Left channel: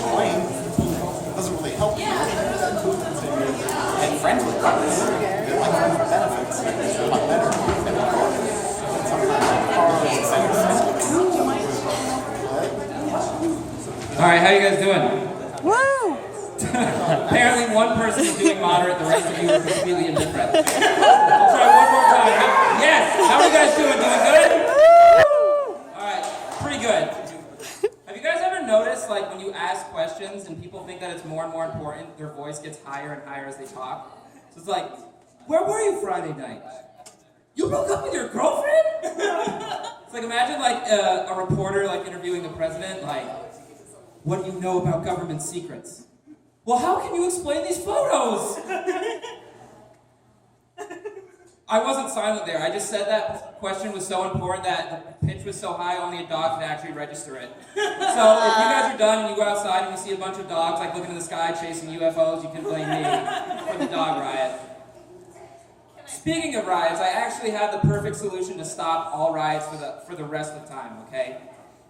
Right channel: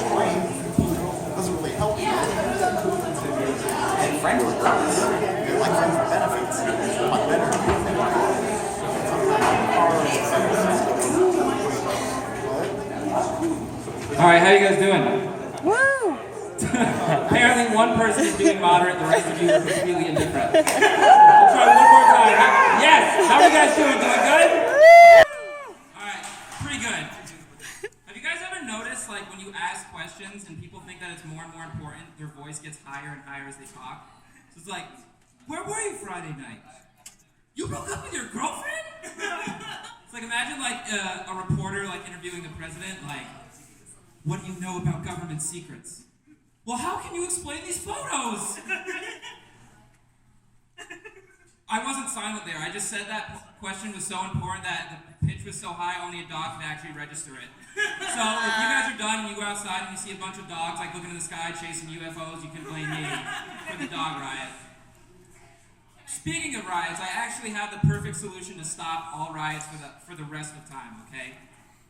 explain. It doesn't really help you. And friendly cars, they're like friends with benefits. They're a lot better than cars. Sometimes cars and benefits. All right, how you guys doing? Woo! Apparently one person is doing moderate, the rest of you are completely indifferent. We'll try one more time. Yes! How are you guys doing? Doing good? Alright, pretty good. Have you guys ever noticed, like, when you ask questions and people think that it's more and more important, their voice gets higher and higher as they talk? So it's like, where were you Friday night? You broke up with your girlfriend? It's like, imagine, like, a reporter, like, interviewing the president, like, what do you know about government secrets? Well, how can you explain these photos? I wasn't silent there. I just said that question was so important that the pitch was so high, only a dog could actually register it. So if you guys are done and you go outside and you see a bunch of dogs like looking in the sky chasing UFOs, you can blame me for the dog riot. Speaking of riots, I actually have the perfect solution to stop all riots for the rest of the time, okay?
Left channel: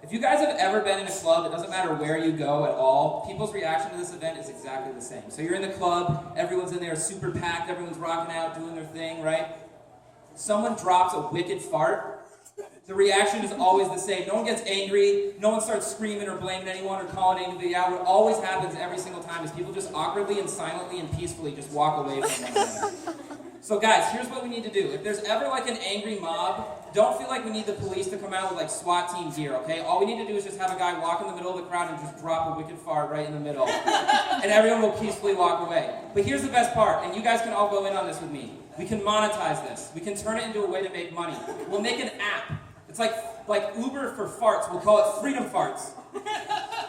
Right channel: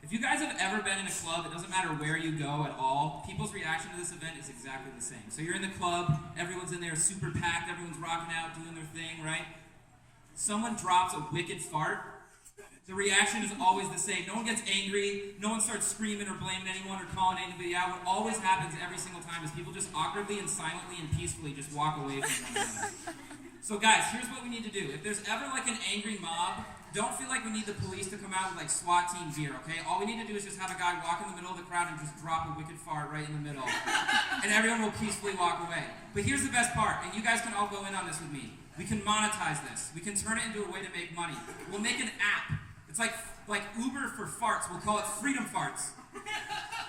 If you guys have ever been in a club, it doesn't matter where you go at all, people's reaction to this event is exactly the same. So you're in the club, everyone's in there super packed, everyone's rocking out, doing their thing, right? Someone drops a wicked fart, the reaction is always the same. No one gets angry, no one starts screaming or blaming anyone or calling anybody out. What always happens every single time is people just awkwardly and silently and peacefully just walk away from one another. So guys, here's what we need to do. If there's ever like an angry mob, don't feel like we need the police to come out with like SWAT team gear, okay? All we need to do is just have a guy walk in the middle of the crowd and just drop a wicked fart right in the middle. And everyone will peacefully walk away. But here's the best part, and you guys can all go in on this with me. We can monetize this. We can turn it into a way to make money. We'll make an app. It's like Uber for farts. We'll call it Freedom Farts.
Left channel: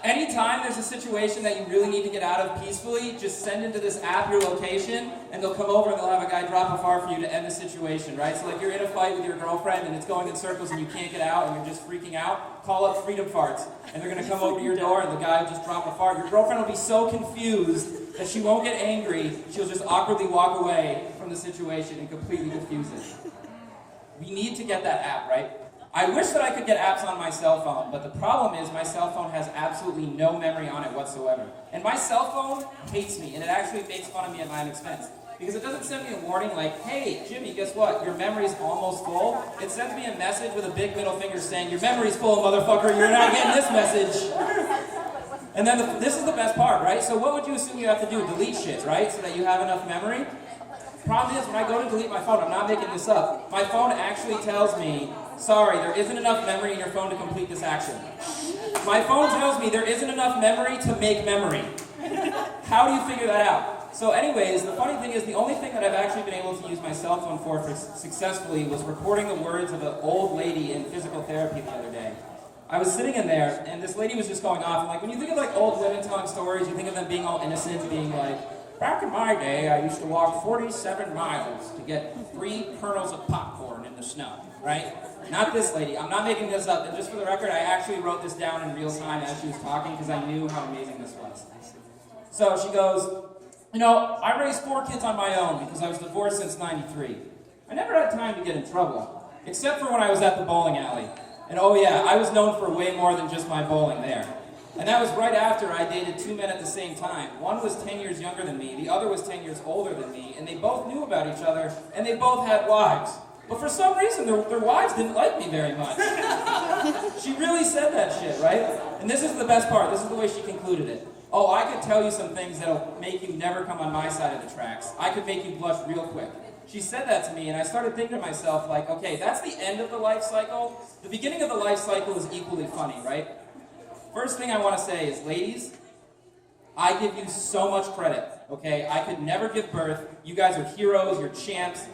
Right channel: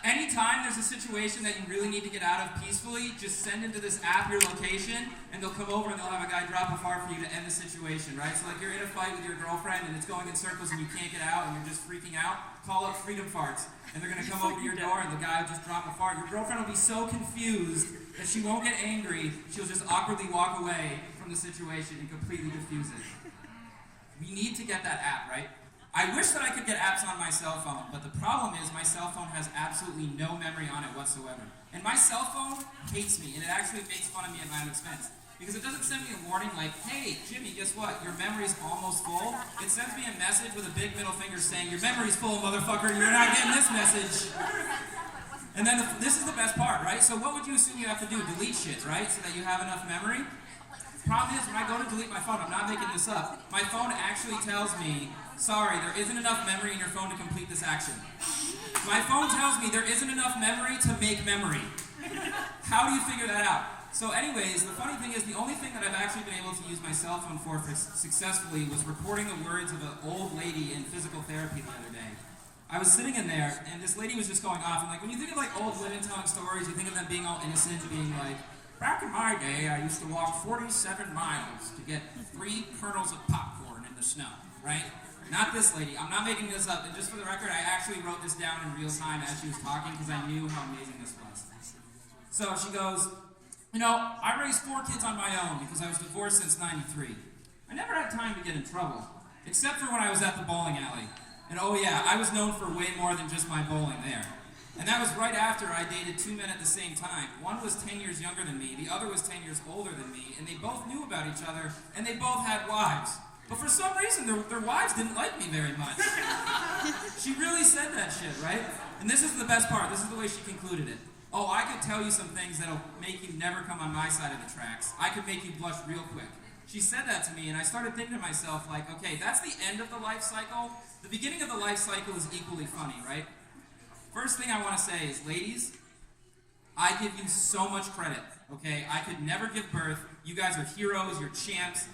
Anytime there's a situation that you really need to get out of peacefully, just send into this app your location, and they'll come over and they'll have a guy drop a fart for you to end the situation, right? So like you're in a fight with your girlfriend and it's going in circles and you can't get out and you're just freaking out, call up Freedom Farts. And they're gonna come over to your door and the guy will just drop a fart. Your girlfriend will be so confused that she won't get angry, she'll just awkwardly walk away from the situation and completely diffuse it. We need to get that app, right? I wish that I could get apps on my cell phone, but the problem is my cell phone has absolutely no memory on it whatsoever. And my cell phone hates me, and it actually makes fun of me at my own expense. Because it doesn't send me a warning like, hey, Jimmy, guess what? Your memory's almost full. It sends me a message with a big middle finger saying, your memory's full, motherfucker, you're not getting this message. And then this is the best part, right? So what would you assume you have to do? Delete shit, right? So that you have enough memory? Problem is, when I go to delete my phone, I'm not making this up, my phone actually tells me, sorry, there isn't enough memory in your phone to complete this action. My phone tells me there isn't enough memory to make memory. How do you figure that out? So anyways, the funny thing is the only thing that I've actually been able to use my cell phone for successfully was recording the words of an old lady in physical therapy the other day. I was sitting in there, and this lady was just going off, and like, when you think of like old women telling stories, you think of them being all innocent, being like, back in my day, I used to walk 47 miles to get 3 kernels of popcorn in the snow, right? Not this lady. I'm not making this up. And just for the record, I actually wrote this down in real time as she was talking because I knew how amazing this was. So she goes, you know, I raised 4 kids on my own because I was divorced since '93. I never had time to get in trouble, except for when I was at the bowling alley. And oh yeah, I was known for way more than just my bowling there. And that was right after I dated 2 men at the same time. One was 10 years younger than me, the other was 10 years older than me, and they both knew about each other, and they both had wives. But for some reason, their wives didn't like me very much. She really said that shit, right? And this is the best part. This is the way she concluded it. Oh, I could tell you some things that'll make you never come on my side of the tracks. I could make you blush real quick. She said that to me, and I started thinking to myself, like, okay, that's the end of the life cycle. The beginning of the life cycle is equally funny, right? First thing I want to say is, ladies, I give you so much credit, okay? I could never give birth. You guys are heroes, you're champs.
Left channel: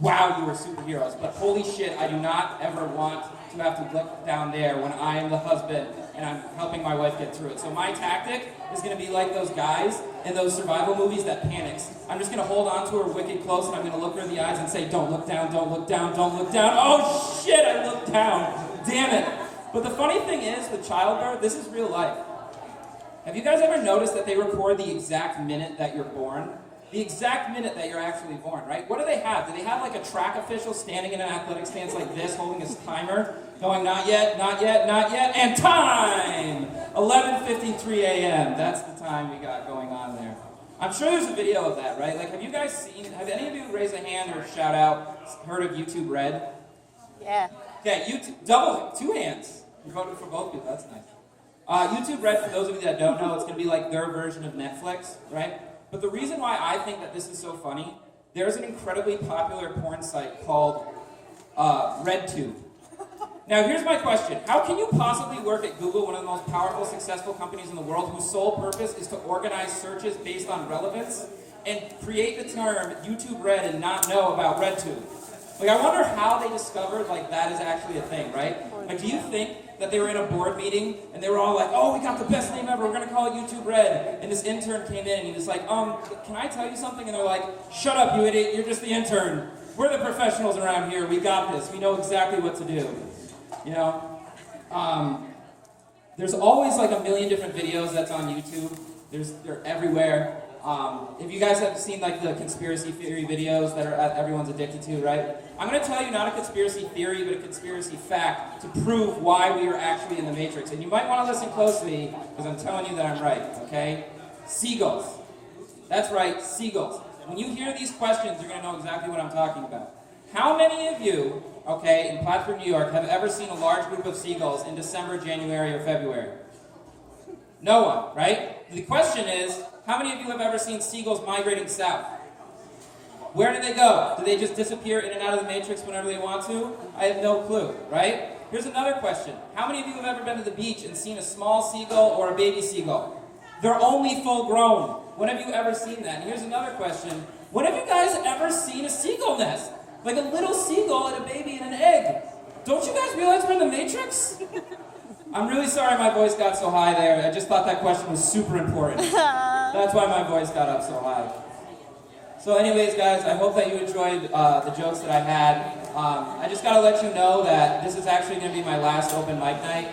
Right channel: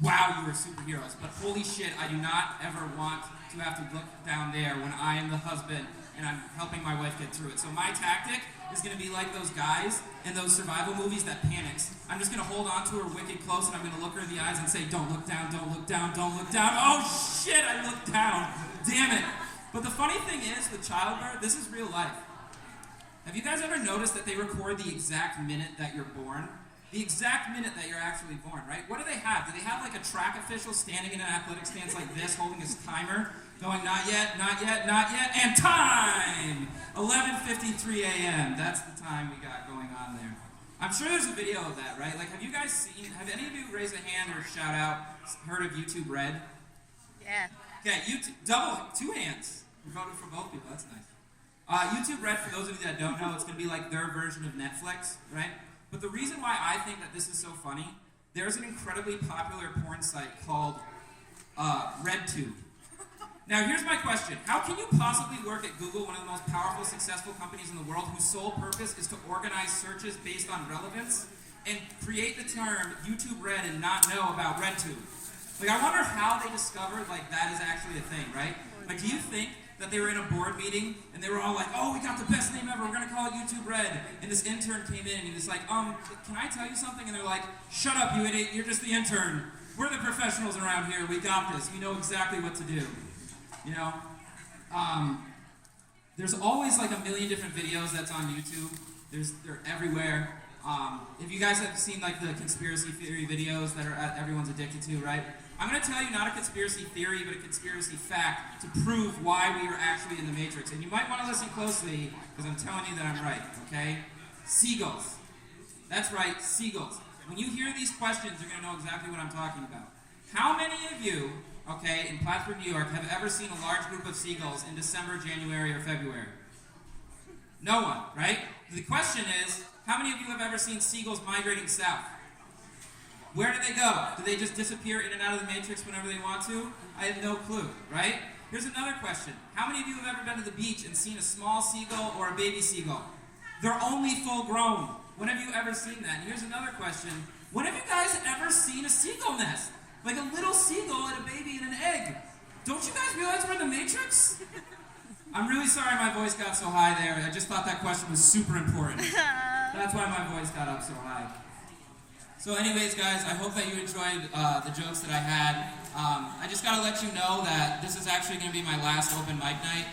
Wow, you are superheroes. But holy shit, I do not ever want to have to look down there when I am the husband and I'm helping my wife get through it. So my tactic is going to be like those guys in those survival movies that panics. I'm just going to hold on to her wicked close and I'm going to look her in the eyes and say, don't look down, don't look down, don't look down. Oh shit, I looked down. Damn it. But the funny thing is, with childbirth, this is real life. Have you guys ever noticed that they record the exact minute that you're born? the exact minute that you're actually born, right? What do they have? Do they have like a track official standing in an athletic stance like this, holding his timer, going not yet, not yet, not yet, and time! 11:53 a.m. That's the time we got going on there. I'm sure there's a video of that, right? Like, have you guys seen, have any of you raised a hand or shout out, heard of YouTube Red? Yeah. Okay, two hands. You voted for both people, that's nice. YouTube Red, for those of you that don't know, it's going to be like their version of Netflix, right? But the reason why I think that this is so funny, there's an incredibly popular porn site called RedTube. Now here's my question. How can you possibly work at Google, one of the most powerful, successful companies in the world, whose sole purpose is to organize searches based on relevance, and create the term YouTube Red and not know about RedTube? Like, I wonder how they discovered, like, that is actually a thing, right? Like, do you think that they were in a board meeting, and they were all like, oh, we got the best name ever, we're gonna call it YouTube Red, and this intern came in, and he was like, can I tell you something? And they're like, shut up, you idiot, you're just the intern. We're the professionals around here, we got this, we know exactly what to do. You know? There's always like a million different videos that's on YouTube. They're everywhere. If you guys have seen like the conspiracy theory videos that everyone's addicted to, right? I'm going to tell you not a conspiracy theory, but a conspiracy fact to prove why we are actually in the Matrix. And you might want to listen closely, because I'm telling you that I'm right, okay? Seagulls. That's right, seagulls. When you hear these questions, you're going to know exactly what I'm talking about. How many of you, okay, in Plattsburgh, New York, have ever seen a large group of seagulls in December, January, or February? No one, right? The question is, how many of you have ever seen seagulls migrating south? Where do they go? Do they just disappear in and out of the Matrix whenever they want to? I have no clue, right? Here's another question. How many of you have ever been to the beach and seen a small seagull or a baby seagull? They're only full grown. When have you ever seen that? And here's another question. When have you guys ever seen a seagull nest? Like a little seagull and a baby and an egg. Don't you guys realize we're in the Matrix? I'm really sorry my voice got so high there. I just thought that question was super important. That's why my voice got up so high. So anyways, guys, I hope that you enjoyed the jokes that I had. I just got to let you know that this is actually going to be my last open mic night.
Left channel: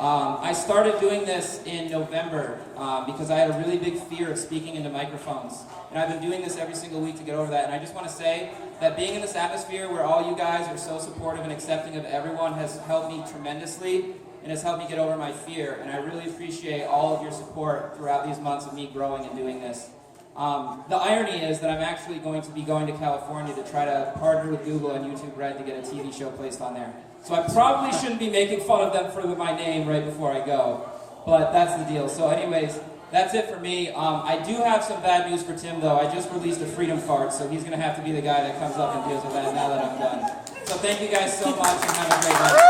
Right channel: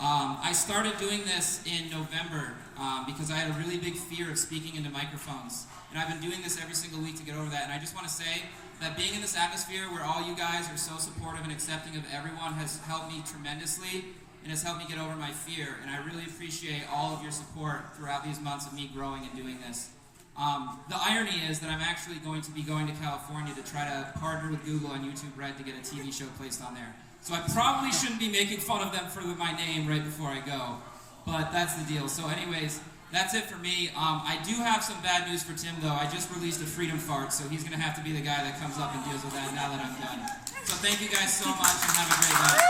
I started doing this in November because I had a really big fear of speaking into microphones. And I've been doing this every single week to get over that. And I just want to say that being in this atmosphere where all you guys are so supportive and accepting of everyone has helped me tremendously and has helped me get over my fear. And I really appreciate all of your support throughout these months of me growing and doing this. The irony is that I'm actually going to be going to California to try to partner with Google on YouTube Red to get a TV show placed on there. So I probably shouldn't be making fun of them for my name right before I go. But that's the deal. So anyways, that's it for me. I do have some bad news for Tim, though. I just released a freedom fart, so he's going to have to be the guy that comes up and deals with that now that I'm done. So thank you guys so much, and have a great night.